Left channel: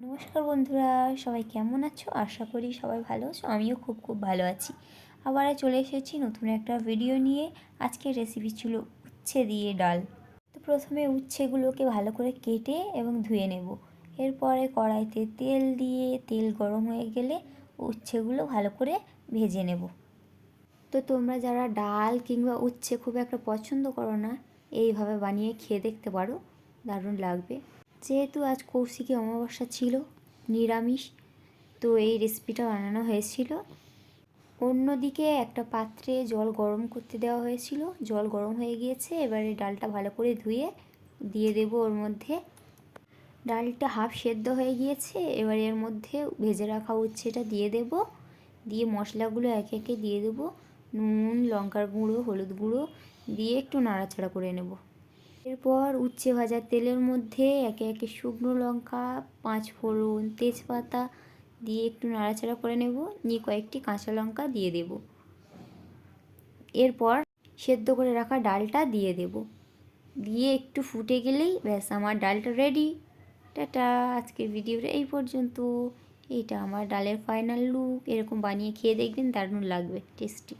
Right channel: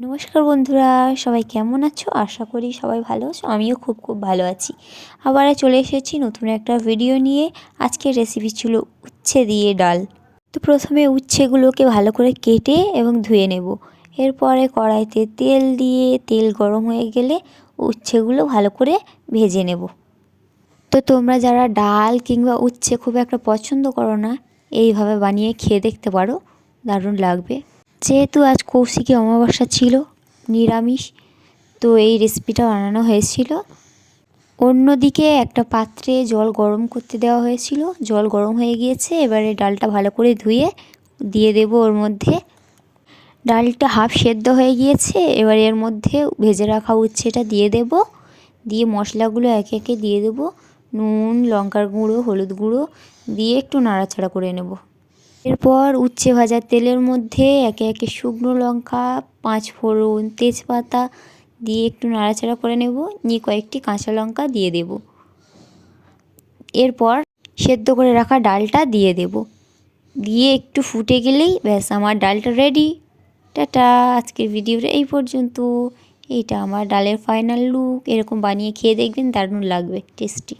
নমস্কার বন্ধুরা, সবাই কেমন আছো? আশা করি সবাই ভালো আছো। আমিও খুব ভালো আছি। আবার চলে এসেছি নতুন একটা ভিডিও নিয়ে। আজকের রেসিপি ছিল উচ্ছে দিয়ে ডাল। তো প্রথমে উচ্ছেগুলোকে ভালো করে কেটে এবং ধুয়ে নেব। এরপরে কড়াইতে তেল দিয়ে তেল গরম হয়ে গেলে উচ্ছেগুলো ভালো করে ভেজে নেব। তো তোমরা যারা ডাল কিংবা উচ্ছে খুব একটা পছন্দ করো না, এইভাবে বানিয়ে খেয়ে দেখতে পারো, দারুণ লাগবে। যেহেতু আজ কৌশিকী অমাবস্যা ছিল, নিরামিষ, তো এই রেসিপিটা বানানো হয়েছিল। অন্যদিকে একটা পাত্রে জল গরম করতে দেওয়া হয়েছিল, জল গরম হয়ে গিয়েছে। এবারে ডালটা ভালো করে ধুয়ে দিয়ে দেব ওর মধ্যে। ডালটা হাফ সেদ্ধ হয়ে গিয়েছে, এবার এর মধ্যে ভেজে রাখা উচ্ছেটা দিয়ে দেব। দিয়ে মশলাগুলো একে একে দিয়ে দেব। নুন, লঙ্কার গুঁড়ো, হলুদ গুঁড়ো দিয়ে একটু নাড়াচাড়া করে নেব। এরপর উচ্ছে ভাজার তেলের মধ্যে একে একে শুকনো লঙ্কা, 5 ফোড়ন, তেজপাতা দিয়ে একটু নাড়াচাড়া করে নেব। নিয়ে কয়েকটি কাঁচা লঙ্কা দিয়ে দেব। এরপর সেদ্ধ করে রাখা ডালটা দিয়ে দেব। দিয়ে একটু ফুটে গেলেই ব্যাস আমার ডালটা রেডি। টাটা, আজকের ভিডিওটা এই পর্যন্ত। এইটা আমার ডালের ফাইনাল লুক। এরকম বানিয়ে খেয়ে দেখবেন, দারুণ লাগবে, টেস্টি।